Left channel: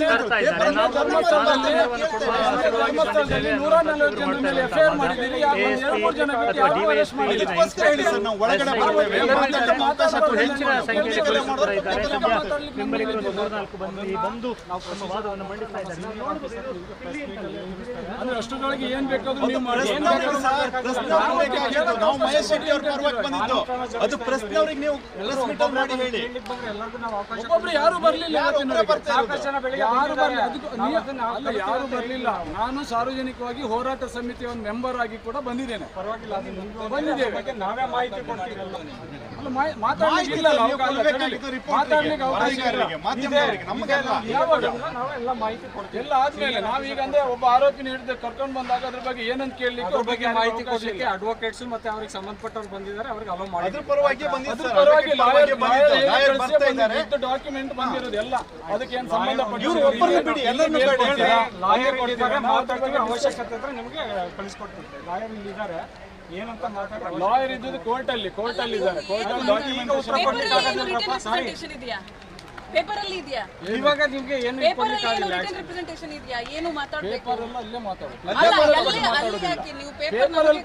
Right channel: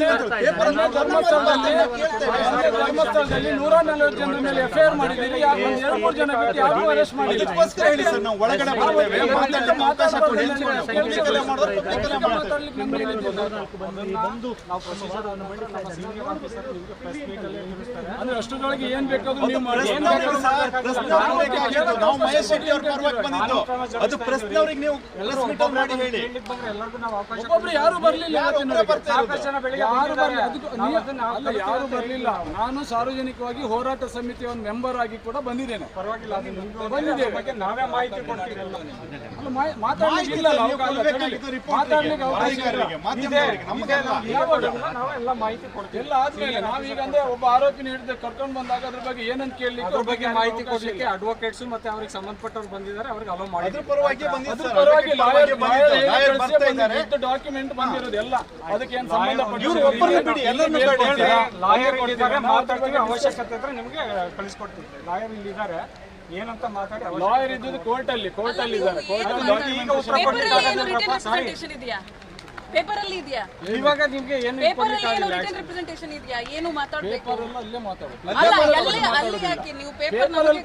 ಧರ್ಮಸ್ಥಳದಲ್ಲಿ ಧರ್ಮಸ್ಥಳದಲ್ಲಿ ನೂರ ನಲವತ್ತು ಜನರ ಮೇಲೆ ಎಫ್ಐಆರ್ ಮಾಡಿದ್ದೀರಿ. ಯಾರು ಒಂದು ಎರಡು ಮೂರು ಜನ ಬಿಟ್ಟು ಯಾರು ಅರೆಸ್ಟ್ ಮಾಡಿಲ್ಲ. ಹೇಳಿ ಸರ್ ನಾವು ಒಳಗಡೆ ಬರ್ತೇವೆ ಮಾತಾಡ್ಲಿಕ್ಕೆ ಅವಕಾಶ ಕೊಡಿ. ಅಂದ್ರೆ ಅಷ್ಟರೊಳಗೆ ಏನ್ ಬೇಕಾದ್ರೂ ನೀವು ಮಾಡಿ. ಏನ್ ಬೇಕಾದ್ರೂ. ನಾವು ಮಹೇಶ್ ಶೆಟ್ಟಿ ಅವ್ರ ಪರವಾಗಿ ಬಂದಿದ್ದು. ಅದು ಪ್ರಶ್ನವ್ರಿಗೆ ನೀವು ಪ್ರೆಸ್ ಮೀಟ್ ಮಾಡಿ ಹೇಳಿ ಒಬ್ಬೊಬ್ರು ಯಾರು ಬರ್ಲಿಲ್ಲ ಬರ್ತಾ ಇರೋದು? ಯಾರು ಬರ್ಲಿಲ್ಲ ಯಾರು ಬರಲಿಲ್ಲ. ನಾನು ಸಾರ್ವಜನಿಕವಾಗಿ ಹೋರಾಟ ಸಮಿತಿಯ ಒಂದು ಮೆಂಬರ್ ಆಗಿ ಕೂಡ ಬಂದಿದ್ದೇನೆ. ಬಂದಿದ್ದೇವೆ. ನಾವೇ ಮಾಹಿತಿ ನಾವೆಲ್ಲ ಮಾಹಿತಿ ಕೊಡ್ತೀವಿ. ಎಲ್ಲ ಆದ್ಮೇಲೆ ನಾವೀಗ ಅಂದ್ರೆ ಒಬ್ಬ ಆರೋಪಿನ ಹಿಡಿದು ಕರ್ಕೊಂಡು ಬಂದಾಗ ಅದ್ರ ಬಗ್ಗೆ ಏನಂತ ಕೇಳಲಿಕ್ಕೆ ಅದ್ರ ಬಗ್ಗೆ ಮಾಹಿತಿ ಕೊಡ್ಲಿಕ್ಕೆ ಅಡ್ವೊಕೇಟ್ಸ್ ಮತ್ತೆ ಅವ್ರಿಗೆ ಸಂಬಂಧಪಟ್ಟವ್ರು ಬಂದಿದ್ದಾರೆ ಅವ್ರಿಗೆ ಅಲೋ ಮಾಡಿ ಪರವಾಗಿ ಬಂದಿದ್ದು ಅದ್ರ ಸರ್. ಪರವಾಗಿ ಅದಕ್ಕೆ ಪರವಾಗಿ ಬಂದಿದ್ದು. ಲಾಯರ್ ಲಾಯರ್ ಬರ್ತಾ ಇದ್ದಾರೆ. ಡಾಕ್ಯುಮೆಂಟ್ ಬಂದಿರೋದು ಎಲ್ಲ. ಅದಕ್ಕೆ ಏನ್ ಸಂಬಂಧಪಟ್ಟ ಒಬ್ಬರನ್ನ ಬಿಡಿ ಎಲ್ಲರನ್ನೂ ಬೇಡ. ಲಾಯರ್ ಕೊಟ್ಟಿದ್ದಾರೆ ಮಾತಾಡ್ತೀವಿ ಅವಶ್ಯಕತೆ ಇದ್ರೆ ನಿಮಗೆ ಕಳಿಸ್ಕೊಡ್ತೀವಿ. ಲಾಯರ್ ಇಲ್ಲಿ ಇದ್ದಾರೆ ಏನಂತ ಮಾತಾಡಿ ಲಾಯರ್ ಇದ್ದುದು ಕೋರ್ಟ್ ಅಲ್ಲಿ ಕೋರ್ಟ್ ಅಲ್ಲಿ ಇದ್ದಾರೆ. ಕೋರ್ಟ್ ಅಲ್ಲಿ ಈಗ ಉತ್ತರ ರಿಪ್ರೆಸೆಂಟೇಷನ್ ಇದೆಯಾ ಪೇಪರ್ ಅಲ್ಲಿ ಇದೆಯಾ? ಇವಾಗ ನಿಮ್ಗೆ ಏನು ಪೇಪರ್ ಅಲ್ಲಿ ಏನು ರಿಟರ್ನ್ ರಿಪ್ರೆಸೆಂಟೇಷನ್ ಇದೆಯಾ? ಏನು ಮಾತಾಡಬೇಕು? ಪೇಪರ್ ಅಲ್ಲೇ ಮಾತಾಡೋದು. ಅಲ್ಲ ಯಾಕೆ ನೀವು ಪೇಪರ್ನಲ್ಲಿ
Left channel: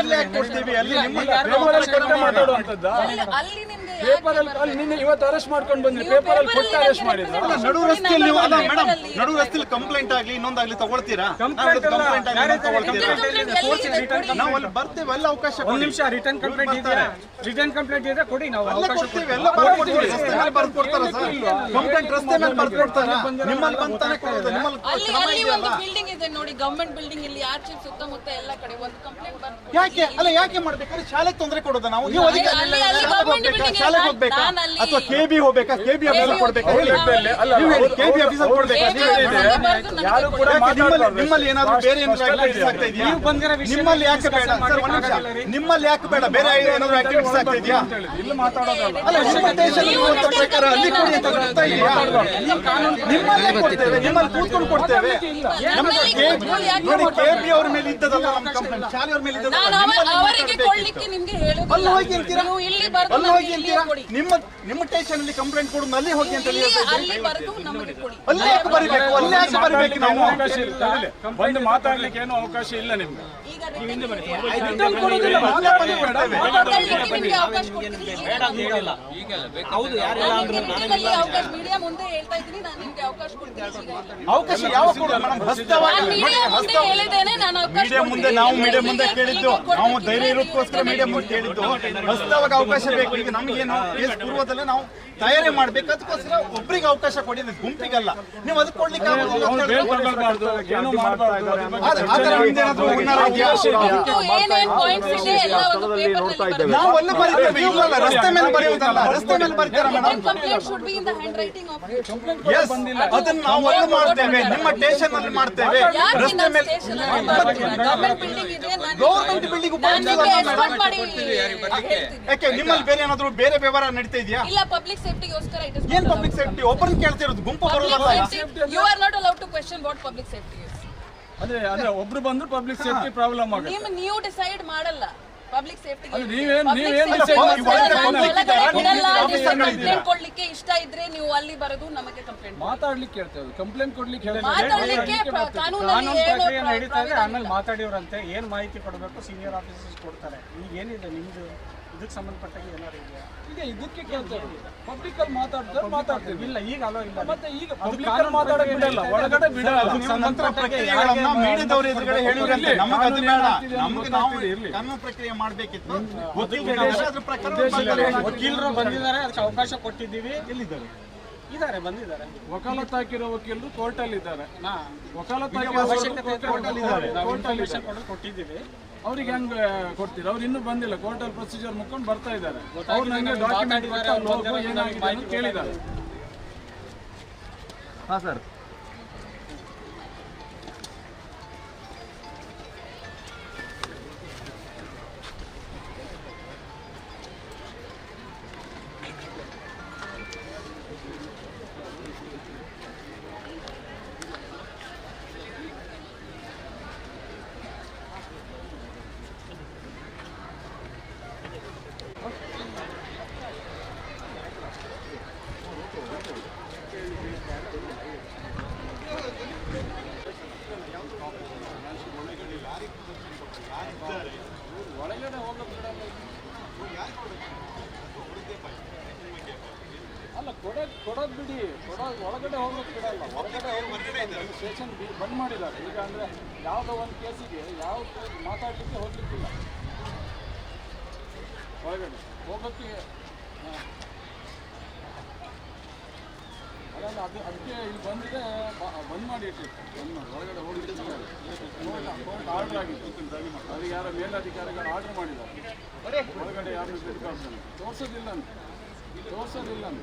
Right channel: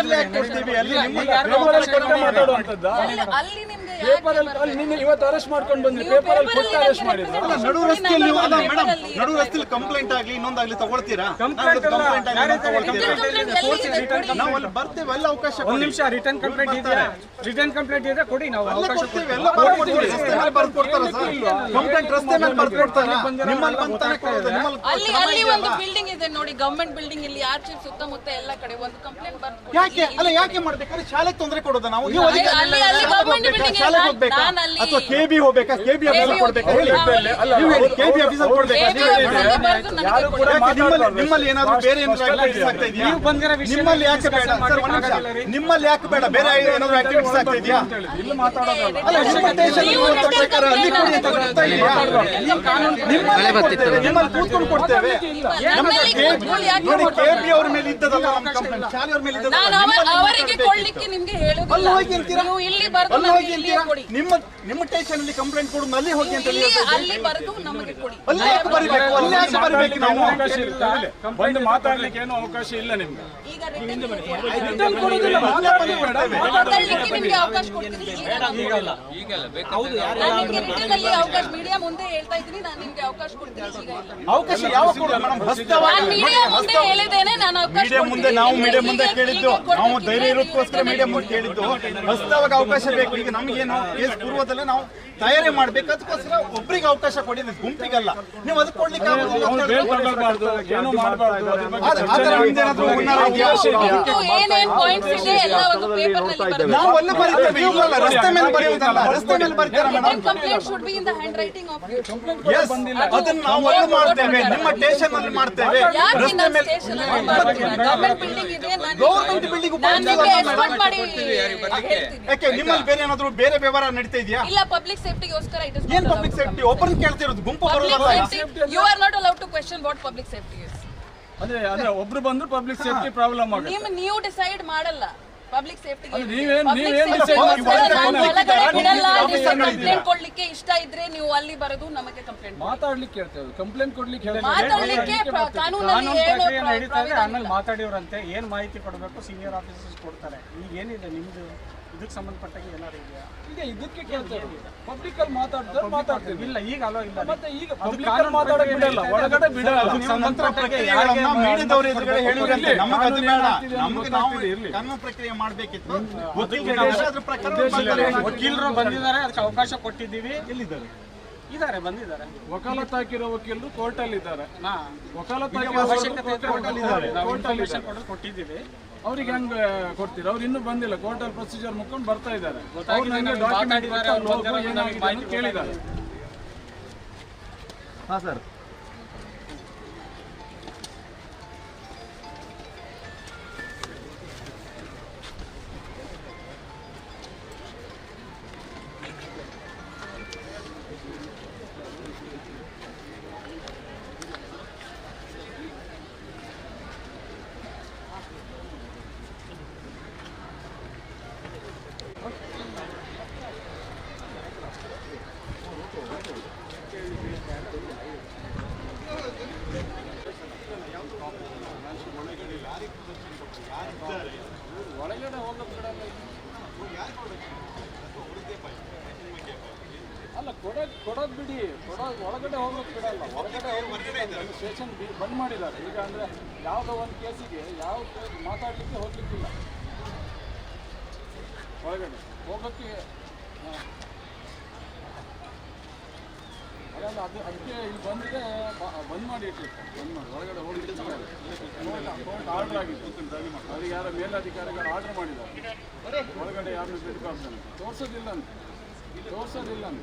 ಅಲ್ಲಿ ಯಾಕೆ ಕೊಡ್ತೀವಿ. ಅಲ್ಲಿ ನಿಮ್ಮ ಪೇಪರ್ ಅಲ್ಲಿ ಕೊಟ್ಟೆ ಮಾತಾಡುವಂತದ್ದ ಅಲ್ಲಿ ನಿಮ್ಗೆ ಪೇಪರ್ ಅಲ್ಲಿ ಅಲ್ಲಿ ನಿನ್ನೆ ಇವತ್ತು ಅರೆಸ್ಟ್ ಮಾಡ್ಕೊಂಡು ಬಂದ್ರಿ. ಪೇಪರ್ ಅಲ್ಲಿ ಕೊಟ್ಟು ಅರೆಸ್ಟ್ ಮಾಡಿದ್ರು. ಅಲ್ಲ, ನಡು ರಸ್ತೆಯಲ್ಲಿ ನೀವು ಅಲ್ಲ ಮೇಡಮ್ ನಡು ರಸ್ತೆಯಲ್ಲಿ ಕಂಪ್ಲೇಂಟ್ ಆಗ್ಲಿ ಇನ್ನೊಂದಾಗ್ಲಿ ತಗೊಳ್ತೀರಾ? ಕಂಪ್ಲೇಂಟ್ ಆಗ್ಲಿ ತಗೊಳ್ತೀರಾ? ನಾವು ಅಲ್ಲಿ ಬರ್ತೇವೆ ಎಲ್ಲ ಅವಕಾಶ ಒಂದ್ ಕೊಡಿ. ನಿಮಿಷ ರಿಟರ್ನ್ ಕಂಪ್ಲೇಂಟ್ ಇದೆಯಾ? ರಿಟರ್ನ್ ಕಂಪ್ಲೇಂಟ್ ಇದ್ರೆ ಕೊಡಿ ನಾವು ಎಲ್ಲ ಅವಕಾಶ ಕೊಡ್ತೀವಿ ಎಲ್ಲ ಬರ್ಕೊಡ್ತೀವಿ ರಸ್ತೆ ಮೇಲೆ ಬರ್ಕೊಡ್ತಾರ ಸರ್? ಕಂಪ್ಲೇಂಟ್ ರಸ್ತೆ ಮೇಲೆ ಬರ್ಕೊಡ್ತಾರ ನಿಮ್ಮಲ್ಲಿ ಬಂತಾನೆ ಕೊಡೋದು ನಿಮ್ಮಲ್ಲಿ ಅಲ್ಲಿ ಅಲ್ಲಿ ಒಂದು ಬಿಲ್ಡಿಂಗ್ ಇದೆ ನೋಡಿ ಗವರ್ಮೆಂಟ್ ಬಿಲ್ಡಿಂಗ್ ಇಲ್ಲಿ ಆಚೆ ಸುತ್ತಮುತ್ತ ಎಲ್ಲ ಕಡೆ ಒಂದು ಕಂಪ್ಲೇಂಟ್ ಯಾಕೆ? ಅಲ್ಲ ಯಾಕೆ ಮಾಡ್ಬೇಕಾದ್ರೆ ಶಾಲೆಗೆ ತೊಂದರೆ ಕೊಡೋದ ನಾವು? ನೀವು ಅಲ್ಲಿ- ಅಧಿಕಾರಿ ಅಲ್ಲಿ- ಅಲ್ಲಿ government ಹೋಗ್ಬೇಕಾ? building ಶಾಲೆಗೆ ಹೋಗ್ಬೇಕಾ? ನಾನು ಅಲ್ಲಿ- ಅಥವಾ ಕೆ ಬಿ ಹೋಗ್ಬೇಕಾ ಕೆ ಬಿ ಆಫೀಸರ್ ಕೊಡ್ಬೇಕಾ? ಹೇಳಿ. ಅಲ್ಲ, ನೀವು ಹೇಳಿ. ಕೆ ಬಿ ಆಫೀಸರ್ ಕೊಡ್ಬೇಕಾ? ನೀವು ಹೇಳಿ ಆಫೀಸರ್ಗೆ ಬರೆದು ನನಗೆ ಯಾರು ಕೂಡ ಯಾಕೆ ನಿಮ್ಮಲ್ಲಿ ಮಾತಾಡ್ಬಾರ್ದು. ನಿಮ್ಮಲ್ಲಿ ಏನಾದ್ರು ಬೇರೆ ಏನಾದ್ರು ಆಕ್ಟಿವಿಟೀಸ್ ಆಗ್ತಾ ಇದೆಯಾ? ನೀವು ಬಂದಿರೋ ವಿಷಯ ನಿಮ್ಮಲ್ಲಿ ಯಾಕೆ ಬೇಡ? ಸರ್ ಒಂದ್ ನಿಮಿಷ. ನಿಮ್ಮಲ್ಲಿ ಯಾಕೆ ಬೇಡ? ಬೇರೆ ಏನಾದ್ರು ಆಕ್ಟಿವಿಟೀಸ್ ಆಗ್ತಾ ಇದೆಯಾ? ಇಲ್ಲಿ ಮಾತಾಡೋದಲ್ಲ ಅಲ್ಲ. ನಿಮ್ಮ ದೇಶದಲ್ಲಿ ಇರುವಂತ ಪ್ರಕಾರ ಅಲ್ಲಿ ಕೊಡಿ ಅಂತ ಬರ್ತಾ ಇದೆಯಾ ನಿಮ್ಮಲ್ಲಿ ಕೊಡ್ತೇವೆ. ನಿಮ್ಮಲ್ಲಿ ಕೂತ್ಕೊಂಡು ಕೊಡ್ತೇವೆ. ನಮಗೆ ಕೆ ನೋಡಿ ಕೆ ಬಿ ಅವ್ರ ಮೇಲೆ ಇದ್ದದಲ್ಲ ನಮ್ಮ ಕಂಪ್ಲೇಂಟ್ ಶಾಲೆಯವ್ರ ಮೇಲೆ ನಾನು ಅವ- ಅವರಿಗೆ. ಕೊಡ್ಲಿಕ್ಕೆ ನಿಮ್ಗೆ ಅಲ್ಲಿ ಹೇಳುದಿಲ್ಲ ಹೋಗಿ ಅಂತೀರಾ ನೀವು ಇಲ್ಲಿ ಬರೆದು ಅಲ್ಲಿ ಹೋಗಿ ನಮಗೆ ಅಂತೀರಾ ನಿಮ್ಮ ನಿಮ್ಮ ಸ್ಟೇಷನ್ ಅಲ್ಲಿ ಕಂಪ್ಲೇಂಟ್ ಕೊಡು ಅಲ್ಲಿ ಹೋಗಿ ಅಂತ. ಅಲ್ಲಿ ಬರೆದು ನಮಗೆ ಕೊಡಿ. ಅಲ್ಲಿ ಯಾಕೆ ಬರಿಬೇಕು? ಅಲ್ಲಿ ಯಾಕೆ ಬರಿಬೇಕು ನಾವು? ಅವಕಾಶ ಇಲ್ಲ. ಬಂದು ಮಾತಾಡ್ಲಿಕ್ಕೆ ಏನು ಅವಕಾಶ ಇಲ್ಲ ನಿಮ್ಗೆ. ಈಗ ರಿಟರ್ನ್ ಕೊಡೋದಿಲ್ಲ ಮಾತಾಡ್ಲಿಕ್ಕೆ ನಿಮ್ಗೆ ಅವಕಾಶ ಕೊಡ್ತೀನಿ ಈಗ ನಾನು- ನಾನು ನಿಮ್ಗೆ ರಿಟರ್ನ್ ಅಲ್ಲಿ ಅವಕಾಶ ಮೀಡಿಯಾ ಮುಂದೆ ಹೇಳ್ತಾ ಇದ್ದೀನಿ. ನಾನು ನಿಮ್ಗೆ ಅವಕಾಶ ಕೊಡ್ತೀನಿ. ಈಗ ಅವಕಾಶ ಯಾವ ಕೊಡೋದು? ಮೇಡಮ್ ಹಸ್ತವಾಗಿ ನಾನು ಮೀಡಿಯಾ ಹೇಳಿದ್ದೇನೆ. ನಾನು ಅವಕಾಶ ಮೀಡಿಯಾ ಮುಂದೆ ಕೊಡ್ತೀನಿ. ನಾವು ಮೀಡಿಯಾ ಮುಂದೆ ಕೇಳಿದ್ದು. ನಾವು ಧೈರ್ಯ ಇರೋದಕ್ಕೋಸ್ಕರ ಮೀಡಿಯಾ ಮುಂದೆ ಕೇಳಿದ್ದು. ಹಸ್ತವಾಗ ಅವಕಾಶ ಬೇಕು. ಈಗ ಕೇಸ್ ಪೂರ್ವದಲ್ಲೇ ನಾವು ತಯಾರಿ ಮಾಡ್ಬೇಕು ಅದಕ್ಕೋಸ್ಕರ ಒಬ್ರಿಗೆ ಅವಕಾಶ ಕೊಡಿ ಗುಂಪಿಗೆಲ್ಲ ಗುಂಪಿಗಲ್ಲ ನೀವು ಅದಕ್ಕೆ ಕೊಡ್ಲಿಕ್ಕೆ ನಾವು ಅಲ್ಲೇ ಬರೀತೇವೆ ಇಲ್ಲಲ್ಲ ರಸ್ತೆ ಮೇಲೆ ಬರೆಯುವುದಲ್ಲ ರಸ್ತೆ ಮೇಲೆ ಬರೀತಾರ ಮೇಡಮ್ ಅದನ್ನ ನಾವು ಅಲ್ಲೇ ಮಾಡ್ತೇವೆ ನಿಮ್ಮ ಸ್ಟೇಷನ್ ಅಲ್ಲಿ ಮಾಡ್ತೇವೆ ರಸ್ತೆ ಮೇಲೆ ಸ್ಟೇಷನ್ ಅಲ್ಲಿ ಬರ್ತೀರಾ ಗವರ್ಮೆಂಟ್ ಬಿಲ್ಡಿಂಗ್ ಇದೆ ನಾನು ಗೌರ್ಮೆಂಟ್ ಬಿಲ್ಡಿಂಗ್ ಯಾಕೆ ನಿಮ್ಮಲ್ಲಿ ಬೇರೆ ಏನಾದ್ರು ಬೇರೆ ವ್ಯವಹಾರ ನಡೀತಾ ಇದೆಯಾ? ಇಲ್ಲ ಪಬ್ಲಿಕ್ ಸೇಫ್ಟಿಗೋಸ್ಕರ ಇಟ್ ಇಸ್ ಏನ್ ಪಬ್ಲಿಕ್ ಸೇಫ್ಟಿ ಓಪನ್ ಕೇಳ್ತಿರೋದು ಗುಂಪು ಬರೋದಲ್ಲ? Safety you are not allowed to question what public safety is ಅಂದ್ರೆ ಅಂದ್ರೆ ಒಬ್ರು ಬಂದ್ರು ಪಬ್ಲಿಕ್ ಸೇಫ್ಟಿ ಪ್ರಾಬ್ಲಮ್ ಆಗುತ್ತೆ. ನಿಮ್ ನೀವು ಡಿಸೈಡ್ ಮಾಡಲ್ಲ. ಪಬ್ಲಿಕ್ ಸೇಫ್ಟಿ ಕಂಪ್ಲೇಂಟ್ ಕೊಡ್ಲಿಕ್ಕೆ ಇಷ್ಟ ಇದ್ರೆ ನೀವು ಅಲ್ಲಿ ಬರೋದು ನಮಗೆ ಕಂಪ್ಲೇಂಟ್ ಮಾತಾಡ್ಲಿಕ್ಕೆ ಹೇಳ್ತೇವೆ ಕಂಪ್ಲೇಂಟ್ ಕೊಡ್ಲಿಕ್ಕೆ ಹೇಳಿದ್ರೆ ಮಾತಾಡ್ಲಿಕ್ಕೆ ಕಾನೂನಲ್ಲಿ ಏನು ಆಮೇಲೆ ಮಾತಾಡಿವ್ರಂತೆ ಏನ್ ಮಾಹಿತಿ ಕೊಡಬೇಕು ಸೀನಿಯರ್ ಆಫೀಸರ್ಸ್ ಕೊಡ್ತಾರೆ. ಈಗ ಏನಿದೆ ನಿಮ್ದು? ಇದಕ್ಕೆ ಸಂಬಂಧಪಟ್ಟಾಗ ಏನಾದ್ರು ಇದೆಯಾ? ಈಗ ಇದಕ್ಕೆ ಕೇಳ್ತಾರೆ. ಪಬ್ಲಿಕ್ ಅಲ್ಲಿ ಮಾತಾಡ್ತಾರೆ ಮಾತಾಡ್ತೀವಿ. ಇಲ್ಲ ಈಗ ಅಲೋ ಇಲ್ಲ. ಮತ್ತೆ ಈಗ ಪಬ್ಲಿಕ್ ಅಲ್ಲಿ ಮಾತಾಡಕ್ಕೆ ಬಿಡಲ್ಲ ಒಳಗಡೆ ಬಿಡಲ್ಲ. ನಂತರ ಪ್ರಕ್ರಿಯೆಗಳನ್ನ ಮೀಡಿಯಾದವ್ರ ಎದುರುಗಡೆ ಹೇಳಿದ್ರಂತೆ. ನಮಗೆ ಅದು ಬೇಡ. ನಮಗೆ ನಾವು ಕಾನೂನು ಪ್ರಕ್ರಿಯೆ ಮಾಡಬೇಕಿತ್ತು. ವಕೀಲರು ಪ್ರಕಾರ ವಕೀಲರು ಬಂದಿದ್ದಾರೆ ಅದಕ್ಕೆ ಅವಕಾಶ ಕೊಟ್ಟಿದ್ದೀವಿ. ಎಲ್ಲಿದ್ದಾರೆ? ಇದ್ದಾರೆ ಬಂದಿದ್ದಾರೆ. ವಕಾಲತ್ ಹಾಕಿರೋ ವಕೀಲರು ಕೋರ್ಟ್ ಅಲ್ಲಿ ಇದ್ದಾರೆ ನಾ ವಕಾಲತ್ ಹಾಕಿರೋ ಇದ್ರೆ ಕೋರ್ಟ್ ಅಲ್ಲಿ ಇದ್ದಾರೆ ಕೊಟ್ಟಿದ್ದೀವಿ. ಅವ್ರಿಗೆ ಹೆಂಗ್ ಕೊಡ್ತೀರಾ? ಅವ್ರು ಇನ್ನೂ ಬಂದಿಲ್ಲ ಕೋರ್ಟ್ ಅಲ್ಲಿ ಪ್ರೊಸೀಜರ್ ಮುಕ್ಕೊಂಡು ಬರ್ತಾ ಇದ್ದಾರೆ. ಅವ್ರು ಡಾಕ್ಯುಮೆಂಟ್ ಏನಾಗಿದೆ ಅಂತ ಕೇಳಿದ್ದಾರೆ. ಹಾ ಸರ್. ಒಳಗಡೆ ಹೋಗೋದು ಬಿಡಲ್ಲ ಹೊರಗಡೆ ಸ್ಟೇಷನ್ ಬಂದ್ ಮಾಡಿದ್ದಾರೆ. ಈಗ ಅಂದರೆ ಯಾವುದೋ ಒಂದು ಕೇಸಿಗೆ ಯಾವ ಮಾತಾಡಲಿಕ್ಕೆ ಹೋಗ್ಲಿಕ್ಕಿಲ್ಲ. ಒಳಗಡೆ ಹೋಗೋಕ್ಕೆ ಹಾಂ. ಅದು ಅದಕ್ಕೆ ಇಲ್ಲಿ ಬಂದಿದೆ ಬಂದ್ ಮಾಡಿ ಇಟ್ಟಿರ್ತಾರೆ. ಬಂದ್ ಮಾಡಿ. ಒಳಗಡೆ ಹೋಗ್ಲಿಕ್ಕೆ ಆರ್ಡರ್ ಆಗಿತ್ತು ಅದು ಯಾರ ಮೇಲಧಿಕಾರಿಗಳು ಆರ್ಡರ್ ಮಾಡಿದ್ದಾರೆ. ಒಳಗಡೆ ಯಾರನ್ನು ಬಿಡ್ಬಾರ್ದು ತೋರ್ಸೋದಿಲ್ಲ ಅಂತ. ತೋರ್ಸೋದಿಲ್ಲ ಅಂತ.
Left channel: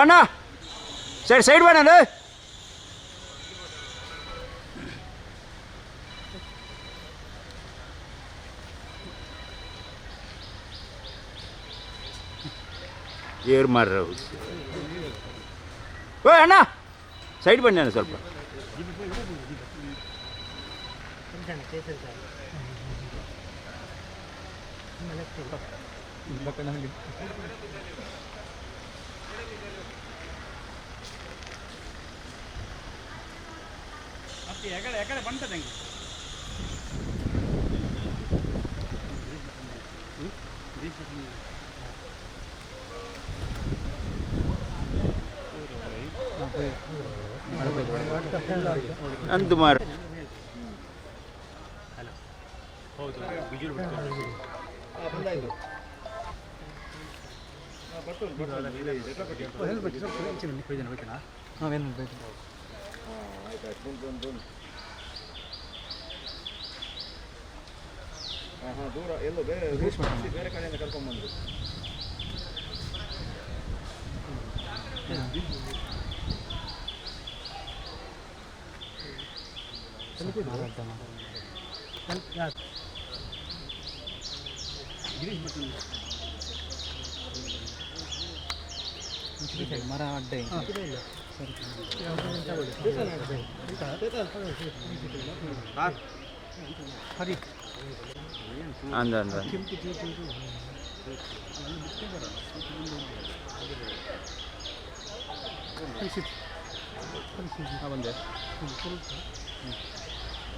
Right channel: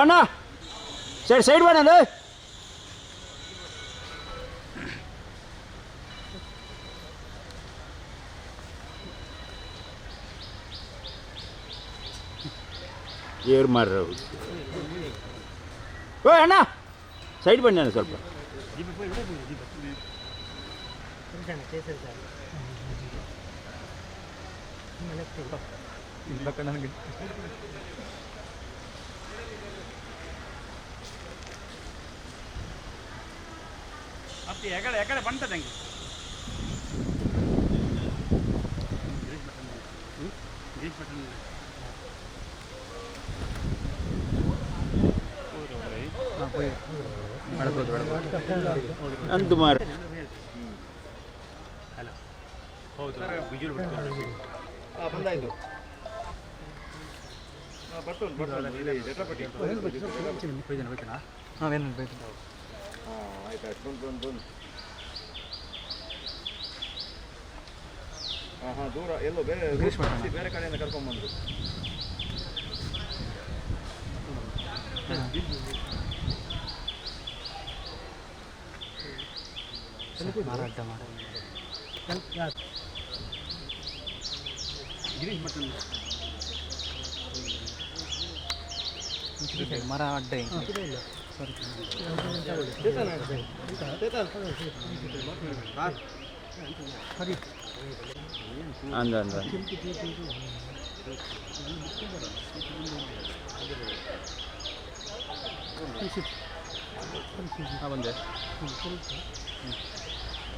ಅಣ್ಣ. ಸೈಡ್ ಸೈಡ್ ಬೇಡ ಏರ್ ಮಾರ್ರ ಓ ಅಣ್ಣ ಸೈಡ್ ಬನ್ನಿ ಅಣ್ಣ ಸ್ವಲ್ಪ ಅಂದು ಮಾರು ದೂರ ಎಲ್ಲೋ ಬೇರೆ ಬೇರೆ ಕಡೆಯಿಂದ ಕರ್ಕೊಂಡ್ಬಂದ್ರು ಮರ ಅಡ್ಡ ಅಂದ ಅಂದ ಬಂದೆ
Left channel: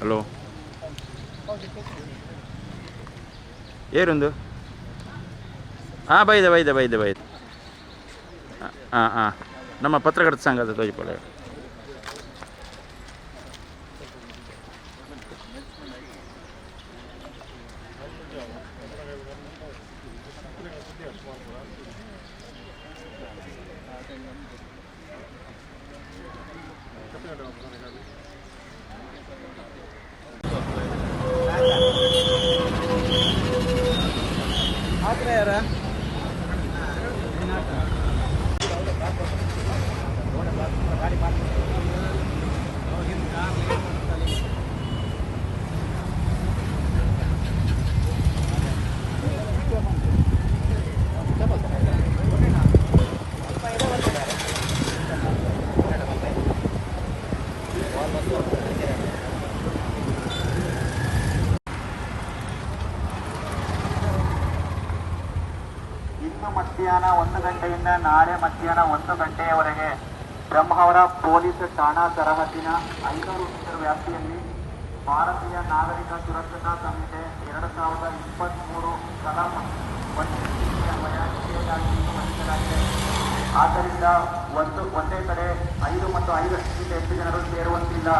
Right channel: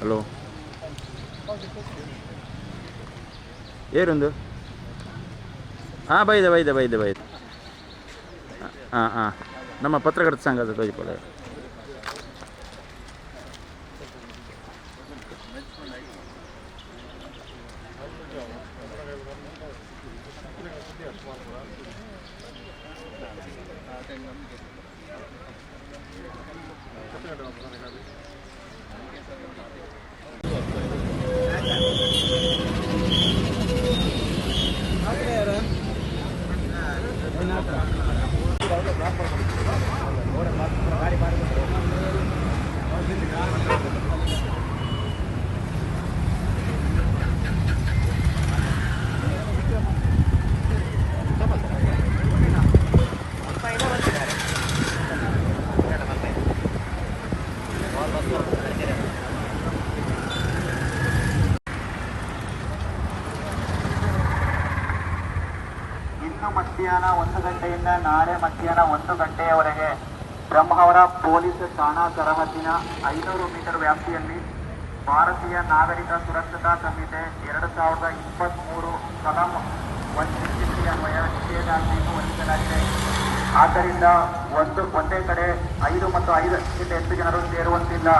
ಹಲೋ ಏರೊಂದು ಹಾಂ ಬೈದೆ ಬೈದೆ ಬೈದೆ ಬೈದೆ. ಹಾಂ ಹಾಂ ನಮ್ಮ ಪತ್ರಕರ್ತ ಸಂಘದ ತೋಜಿಪಲ್ಲ ಮಾತ್ರ ಮಧ್ಯಾಹ್ನ ಒಂದು ಗಂಟೆಯಿಂದ ನಾಳೆ ಮಧ್ಯಾಹ್ನ ಒಂದು ಗಂಟೆಯವರೆಗೆ ಬ್ರಹ್ಮಾವರ ಪೊಲೀಸ್ ಠಾಣಾ ಸರಹದ್ದಿನ ಐನೂರು ಮೀಟರ್ ವ್ಯಾಪ್ತಿಯಲ್ಲಿ ಭಾರತೀಯ ನಾಗರಿಕ ಸುರಕ್ಷತಾ ಸಂಹಿತೆ ಎರಡು ಸಾವಿರದ ಇಪ್ಪತ್ತ್ಮೂರು ಕಲಂ. ಆದ್ದರಿಂದ ಒಂದು ಒಂದೇ ಕಡೆ ಐದು ಮತ್ತು ಐದಕ್ಕಿಂತ ಹೆಚ್ಚು ಜನರು ಸೇರುವಂತಿಲ್ಲ